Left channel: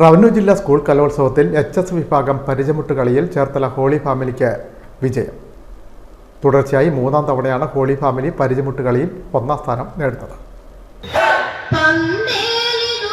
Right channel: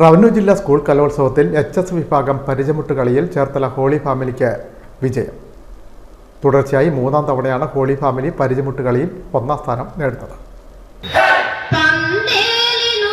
Revenue ജില്ലാ school കലോത്സവത്തിൽ H S വിഭാഗം പരിചമുട്ട് കളിയിൽ ചേർത്തല ഹോളി ഫാമിലിക്ക് വിജയം. തുടർച്ചയായി മൂന്നാം തവണയാണ് ഹോളി ഫാമിലി പരിചമുട്ട് കളിയിൽ ഒന്നാം സ്ഥാനം നേടുന്നത്. തന്നേലിനു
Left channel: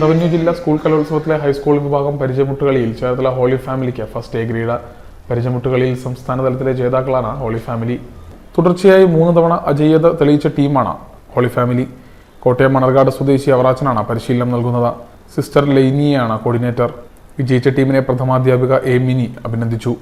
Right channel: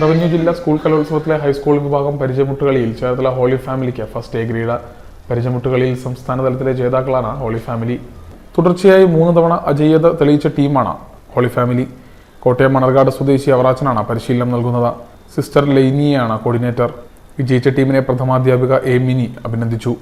Revenue ജില്ലാ സ്കൂൾ കലോത്സവത്തിലെ ഹൈസ്കൂൾ വിഭാഗം പരിചയമുട്ടുകളിയിൽ ചേർത്തല ഹോളി ഫാമിലിക്ക് ഫസ്റ്റ് എ ഗ്രേഡ്. പരിചയമുട്ടുകളിയിൽ സംസ്ഥാന തലത്തിലെ ജേതാക്കളാണ് ഹോളി ഫാമിലി. തുടർച്ചയായി മൂന്ന് തവണ അജയ്യത തെളിയിച്ച ടീമാണ് ഹോളി ഫാമിലി. കോട്ടയം മണർകാട് സ്വദേശി അവറാച്ചനാണ് പരിശീലനം നൽകുന്നത്. സിസ്റ്റർ ലൈനിയാണ് കോർഡിനേറ്റർ. വിജയിച്ച ടീമിനെ പ്രഥമാധ്യാപിക എ മിനി അഭിനന്ദിച്ചു.